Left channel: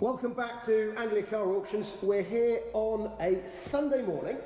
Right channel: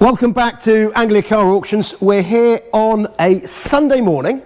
Welcome back to Anglia Car Auctions. We're here on a Sunday morning.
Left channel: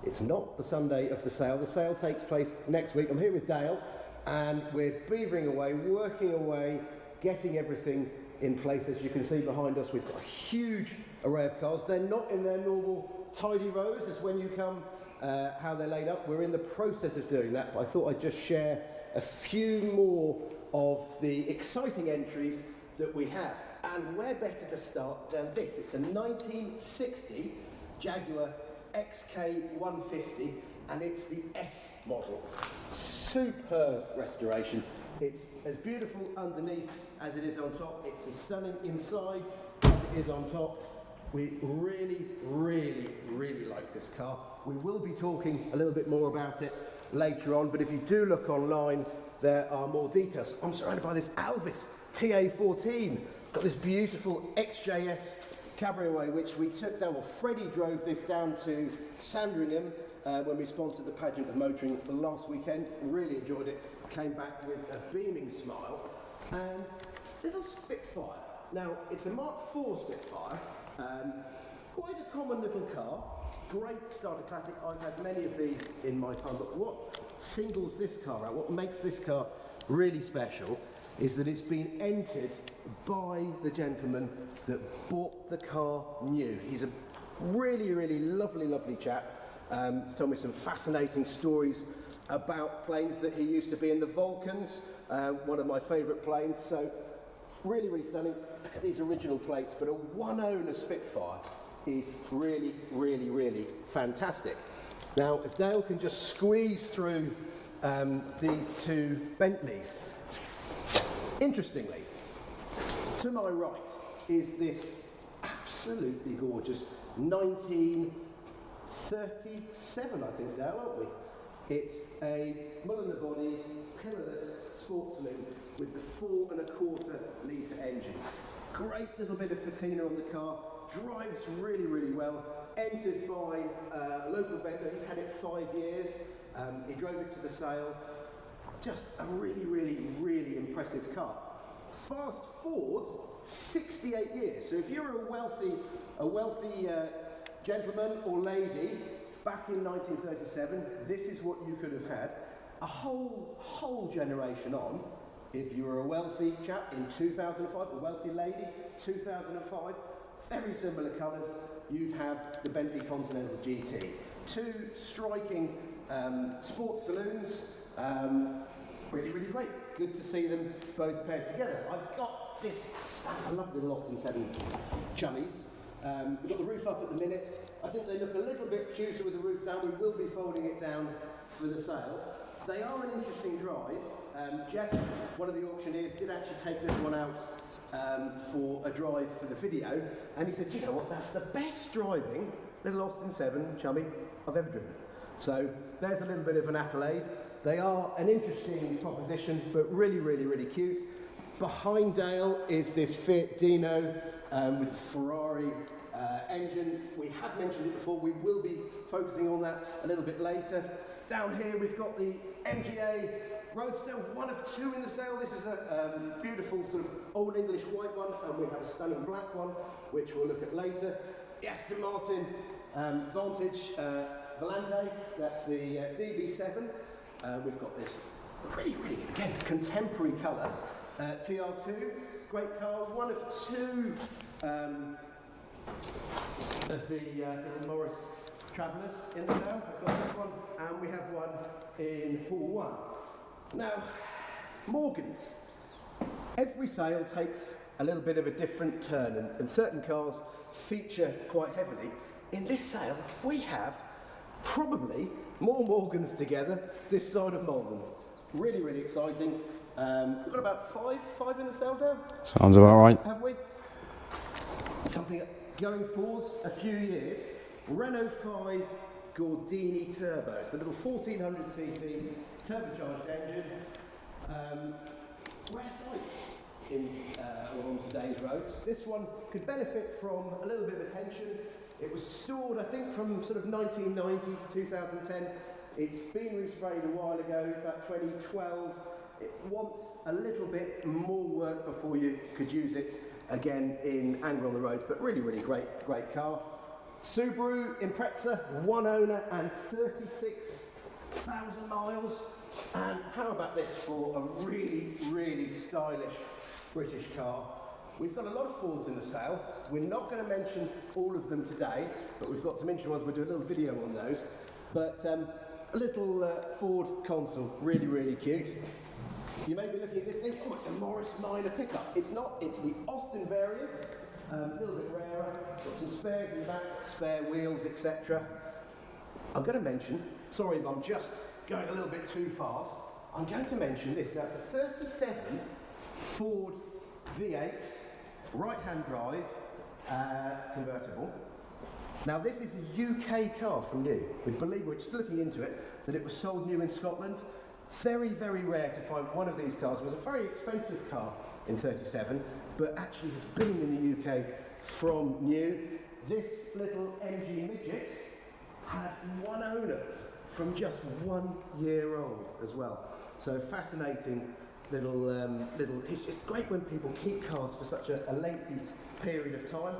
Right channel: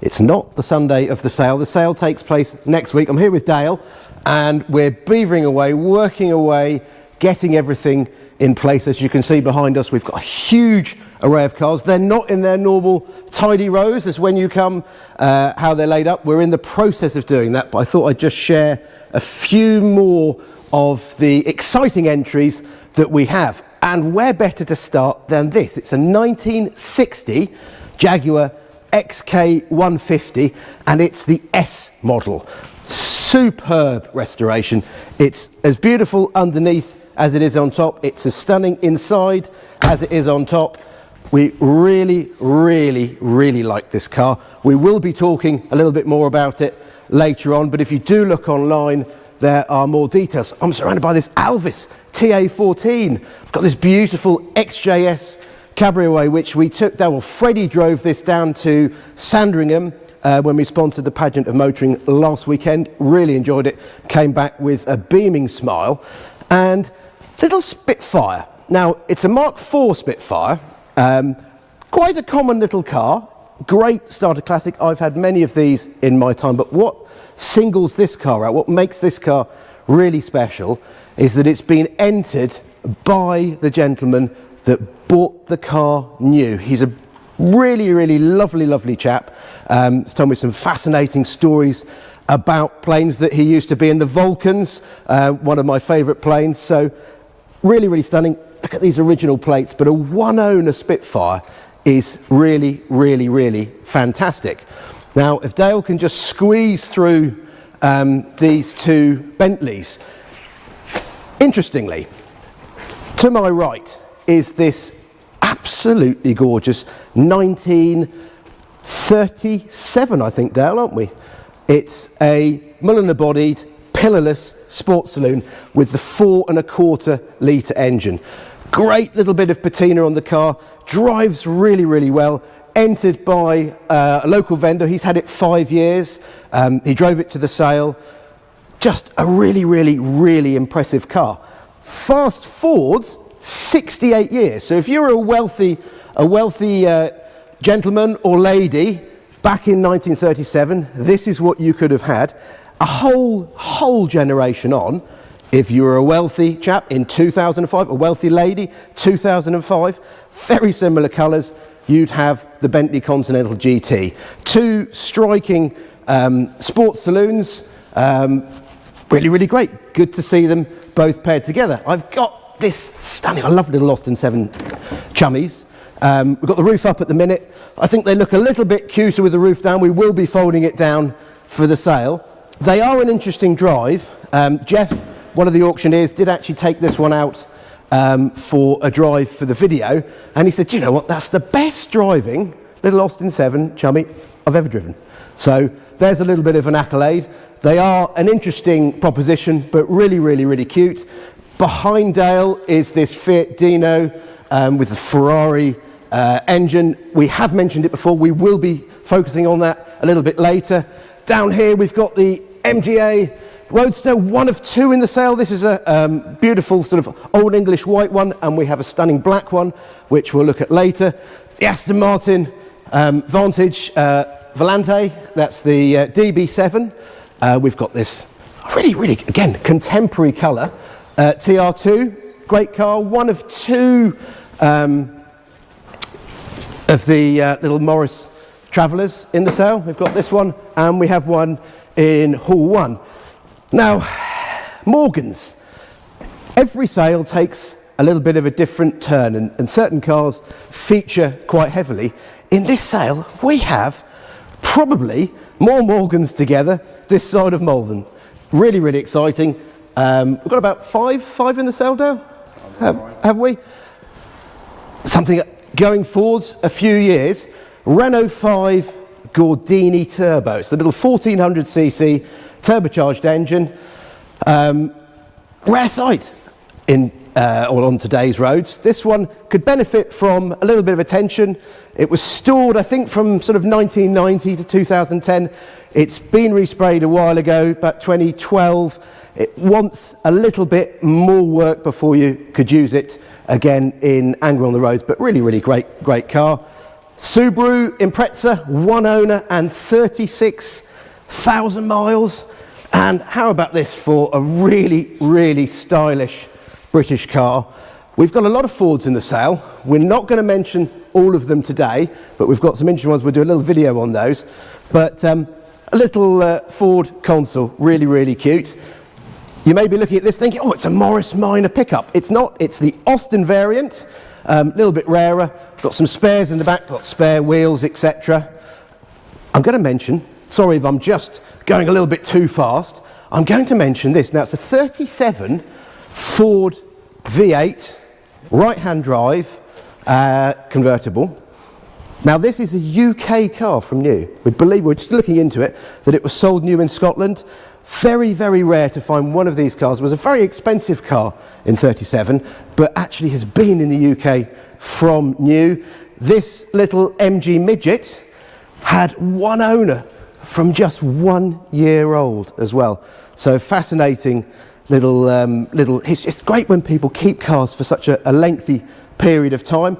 It's not the Sunday of the sale. The sale takes place next week. I'm here with Dale and we're beavering away, working away, getting everything in place. As you can see behind us, we've got a huge array of cars. They're not in their normal tidy rows as when you come, how they're laid up. We're in the process of doing that, but I thought I'd just share a few more of the exciting entries that we have. And where better to start than this? It's a 1960 Jaguar XK150 and it's the S model. Superb restoration. It's as beautiful underneath as it is on top. It's as stunning inside as it is on top. We really like this car. We will be talking a little bit more about it later on, but if you do look online, there are more details. I'm surrounded by this Alvis TA14. I've got this beautiful XJS Cabriolet, which we took down, well, Freddie drove this down to Sandringham when we sponsored the Pageant of Motoring last weekend. Really enjoyed it, came back with a beaming smile. And little Spitfire. Now, it's a Mark IV Spitfire, quite a common little car, great starter classic. I've had many of these in my time, but what singles this car out, what makes this car really special, is that it's been entered by the gentleman that bought the car new. He's a really lovely chap. He's told me some fascinating stories about planes that he used to be in, the Vulcans, one of my favourite planes. So really stunning. Look at these original plates, but a one-owner Spitfire is really fantastic. Now, if Dale can just squeeze through these two Bentleys. Interestingly, to my right is this absolutely gorgeous 1937, I think, Dale, aren't we? It's a Mulliner-bodied, pillarless sports saloon with the 4.25 litre engine. Great little bit of patina on the car, drives really well, entered by a local vendor. He's had it 5 years. He drove it to the sale. Just a really impressive car. Fast forwards 68 years. So if you're a wealthy gentleman or lady back in 1937, this is what you could have had. A whole generation on. If you were a wealthy chap in 2005, a wealthy lady, 2005, very similar colours, you'd have the Bentley Continental GT. Two striking sports saloons, really great. Good to see them both paired together. I've got this stunning, I love little Austin 7 chummies. We've got the roof up at the minute. I think they look a little bit cuter with the roof down. We will be folding it down for the sale. They are an interesting drive. Jeff, one of the auctioneers, did actually take this one out for a drive for the video, and he said, you know what, that's the best driving little Austin 7 chummy I've ever driven. So there's a little bit of an accolade. They are an interesting proposition, but really cute. Behind Dale is this Fiat Dino with the Ferrari engine. We have mentioned it before. We will be focusing on that a little bit later. Down here we've got the MGA Roadster, one of two in the sale. This is a beautiful sort of old English white one, and we have a stunning black one, which we'll look at later. The Aston Martin Vantage Volante, that's the DB7. We've got this really, again, contemporary colour. TR2, great car, one of two of the little Morris Travellers in the sale. We've got this one, and we have one in Hall 1. Now, Morgans. Every sale takes a little bit of a different turn, and certain cars feature quite heavily. In this sale, we have probably more Morgans together this side of Malvern. Really exciting. We've got about five in the sale, Dale? Sounds about right. Have we? Something going forwards a few years. Renault 5 Gordini Turbo. It's the little 1400cc turbocharged engine. Rare sight on today's roads. This one could benefit from a little bit of attention. It was stored, I think, from sort of 1990 to 2010. It's been resprayed a while ago, about 2012. It wants a little bit more work before you could use it again in Anglia on the roads, but really, really great car. Subaru Impreza, one owner and 36,000 miles. And how about this for a really, really stylish British car? We've got a lot of Fords in the sale. We're not going to mention all of them today, but we've got some interesting ones. We'll do a little video on those. But a little Ford Consul, really, really cute. You may be looking at this thinking, oh, it's a Morris Minor pickup. It's not, it's the Austin variant, a little bit rarer. Got some spares in the back, got spare wheels, etc. I'm going to mention, sorry if I'm just going a little bit too fast, I'm going to mention this. Now, it's a 37 Ford V8, right-hand drive, convertible. Now, this is a UK car from new. We believe, we're just looking into it, that it was sold new in Scotland. Very, very rare to find one of these cars. It was a very expensive car in 37, but actually has been in the UK from new. This little MG midget had one owner from just 1 year old as well. So fascinating little history. It's great when people keep cars for such a lengthy period of time.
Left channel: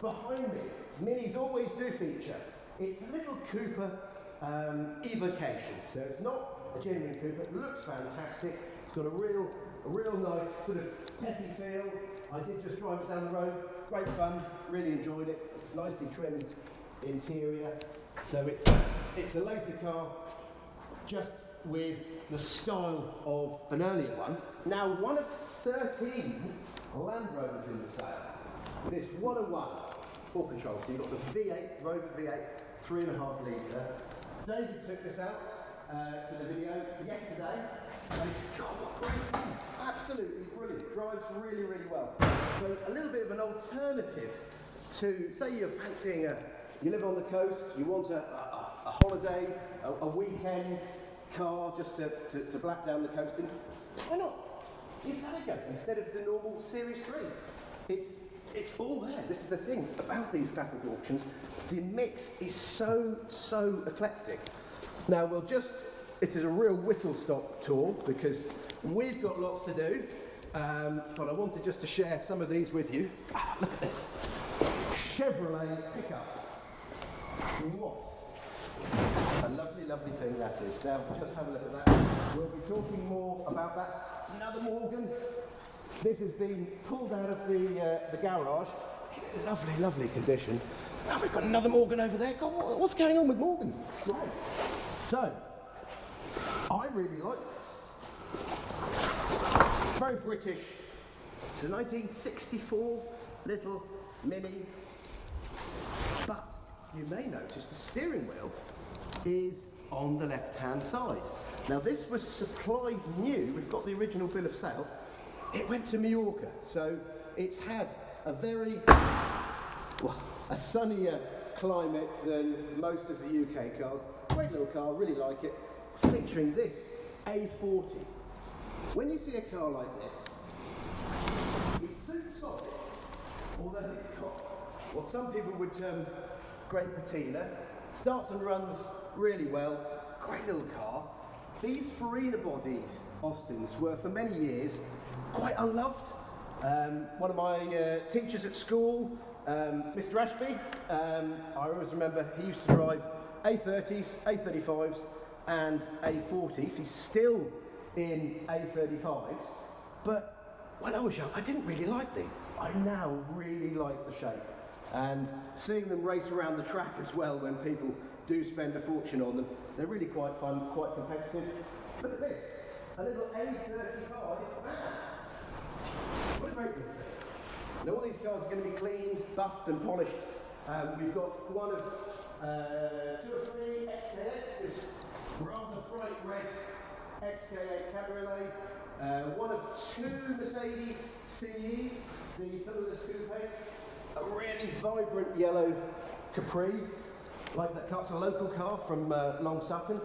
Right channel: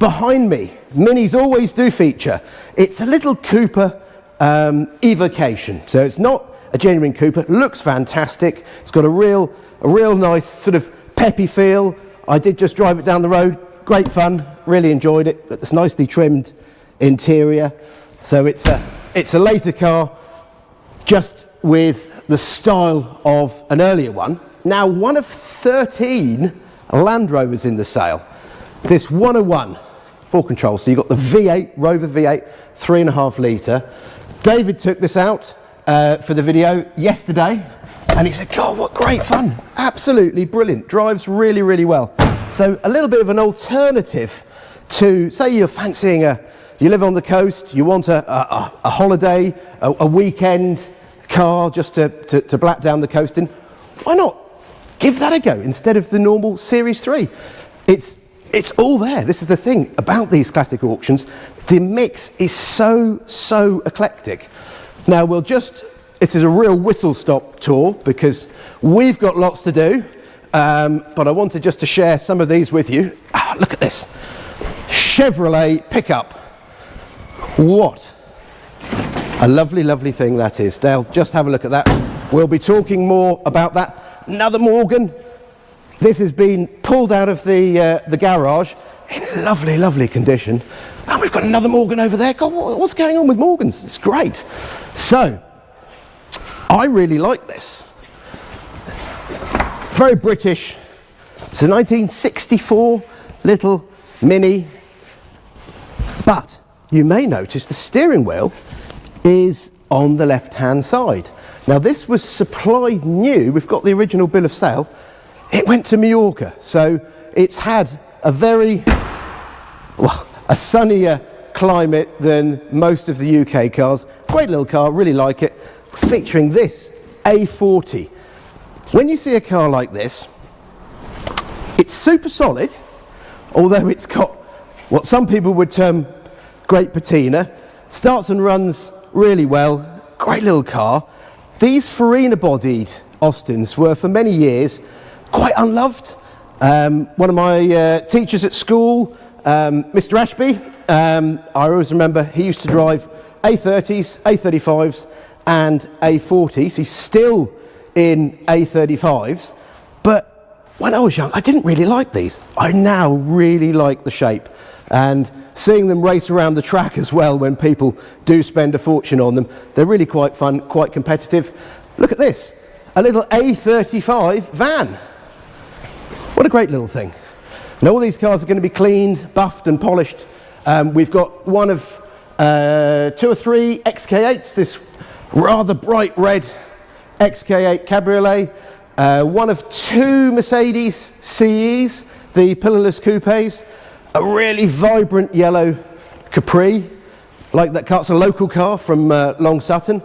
Behind me, Minis always do feature. It's a little Cooper evocation. So it's not a genuine Cooper, looks fantastic. It's got a real nice sort of peppy feel. I did just drive it down the road, great fun, really enjoyed it. It's nicely trimmed interior. So it's a later car, just with the style of an earlier one. Now, one of 13 Land Rovers in the sale. This 101 4 control. So you've got the V8, Rover V8, 3.5 litre. David took this out for the video yesterday, and he said, God, what great fun. Absolutely brilliant. Drives really, really well. So a little bit of an alternative to, say you're fancying you live on the coast, you want a holiday, a weekend car just to blap down the coast in, why not give that a go instead of the normal Series 3? It's all there. This is the thing about these classic auctions. The mix is so eclectic. Now this is a real whistle-stop tour because we've got lots to do, but I wanted just to share some of these with you. Look at this. Chevrolet pickup. What a lovely, lovely thing that is. Dale, just have a look at that. We'll be talking more about that. Another Morgan. This has been pulled out of the garage in lovely, lovely condition. And we've got another Morgan over there. God, what's going on with Morgans? It's great. So, I really like this. Very British. It's a 1964 little Mini. But you may notice the steering wheel is on the left-hand side. Now, this was supplied new. We've got the original bill of sale. It went to Mallorca, so it's had a a sunnier climate than most of the UK cars. Great little car, really like it. Featuring this A40. When you see a car like this, it's super solid, although it's got what some people would term great patina. Starts and runs really well. Great little car. These Farina-bodied Austins were for many years quite unloved. One of my teachers at school, Mr. Ashby, I always remember he used to drive A30s, A35s and A40s. He's still in A35s, but when I was young I didn't really like these. I now really like the shape, and seeing them race around the track as well when people do spend a fortune on them, they're really quite fun, quite competitive. Look at this, a little A35 van. What a great little thing. Now all these cars are going to be cleaned, buffed and polished. We've got one of 2 or 3 XK8s, this rather bright red XK8 Cabriolet, one of 2 Mercedes CEs, the pillarless coupes, a really vibrant yellow Capri, like that car. It's a local car from Long Sutton.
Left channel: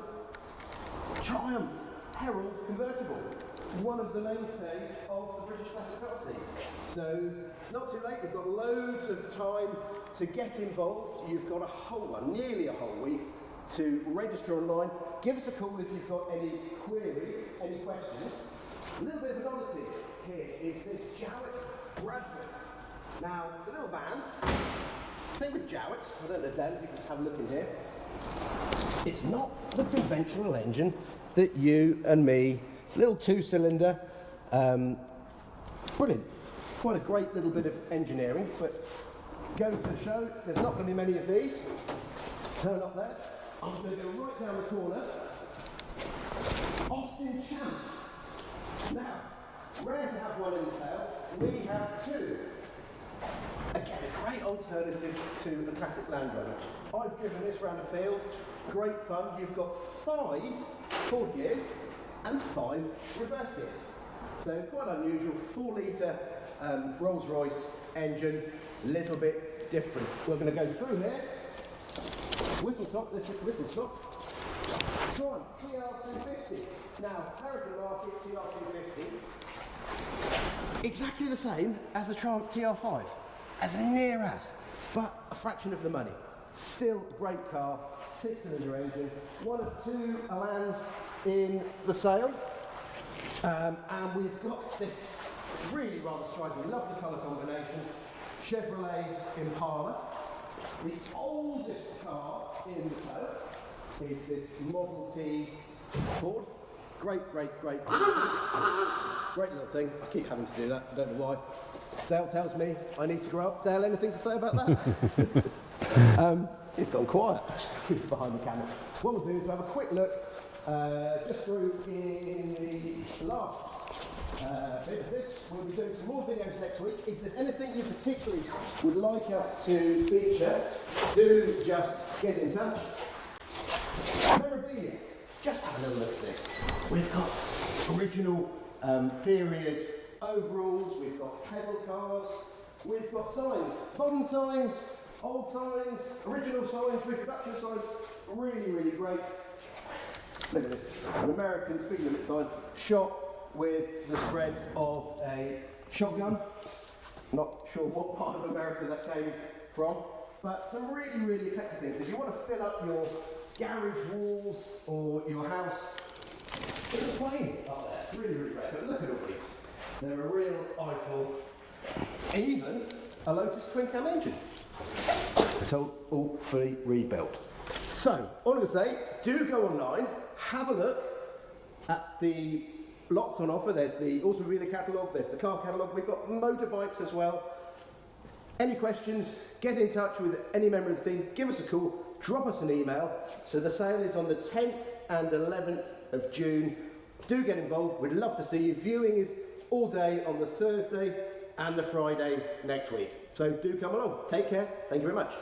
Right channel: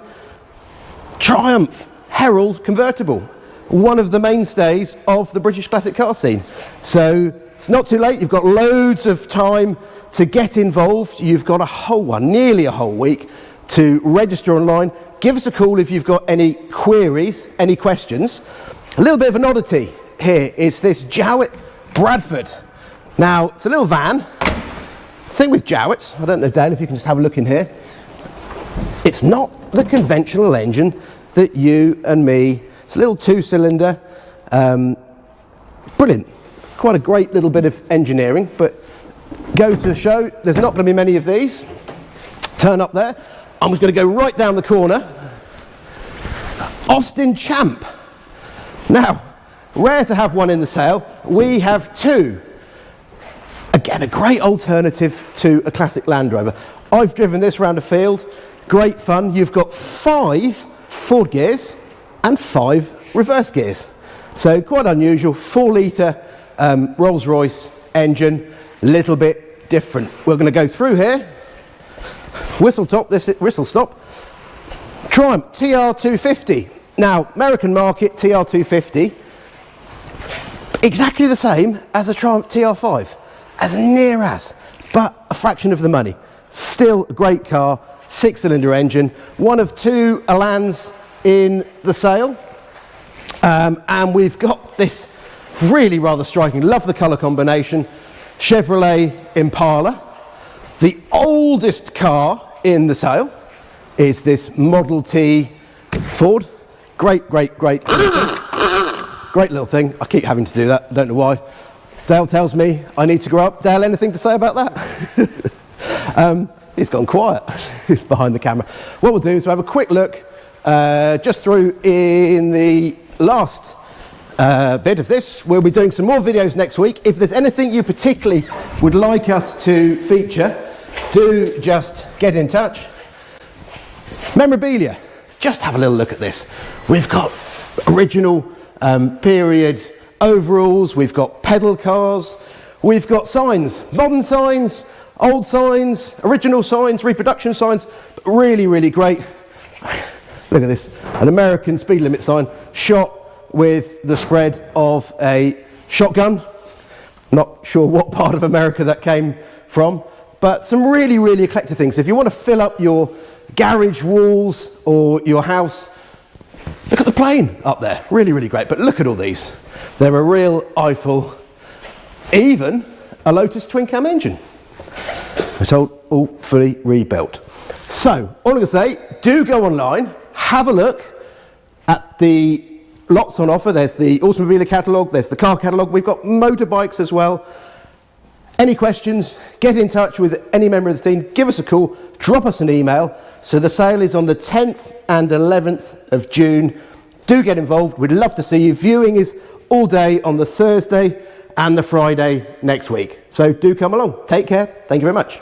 Triumph Herald convertible, one of the mainstays of the British classic car scene. So it's not too late. You've got loads of time to get involved. You've got nearly a whole week to register online. Give us a call if you've got any queries, any questions. A little bit of an oddity here is this Jowett Bradford. Now, it's a little van. Thing with Jowetts, I don't know, Dale, if you can just have a look in here. It's not the conventional engine that you and me, it's a little 2-cylinder, brilliant. Quite a great little bit of engineering, but go to the show, there's not going to be many of these. Turn up there. I'm just going to go right down the corner. Austin Champ. Now, rare to have one in the sale. We have two. Again, a great alternative to a classic Land Rover. I've driven this around a field. Great fun. You've got 5 forward gears and 5 reverse gears. So quite unusual. 4-litre Rolls-Royce engine. Little bit different. We're going to go through here. Whistle stop. Triumph TR250. Now, American market TR250, exactly the same as a Triumph TR5, as near as, but a fraction of the money. Still a great car, 6-cylinder engine, one of 2 Alans in the sale, and we've got this really rather striking, love the colour combination, Chevrolet Impala. The oldest car in the sale is this Model T Ford. Great little thing. I keep having to do that, I don't know why. Dale tells me I need to grow up. Dale, anything to say about that? He's gone quiet. He's behind the camera. What we'll do is we'll have a quick look just through in the last bit of this. We'll be doing some more videos next week. If there's anything you particularly would like us to feature, do just get in touch. Memorabilia. Just have a little look at this. We've got original period overalls, we've got pedal cars, we've got signs, modern signs, old signs, original signs, reproduction signs, really great. Look at this, an American speed limit sign shot with the spread of a shotgun. Not sure what part of America that came from, but some really eclectic things. If you want to fill up your garage walls or your house, look at the plane up there, really great. But look at all these. They're a real eyeful. Even a Lotus twin cam engine. It's all fully rebuilt. So all I'm going to say, do go online, have a look at the lots on offer. There's the Automobile Catalogue, there's the car catalogue, we've got motorbikes as well. Any questions, get in touch with any member of the team, give us a call, drop us an email. So the sale is on the 10th and 11th of June. Do get involved, we'd love to see you. Viewing is all day on the Thursday and the Friday next week. So do come along. Take care, thank you very much.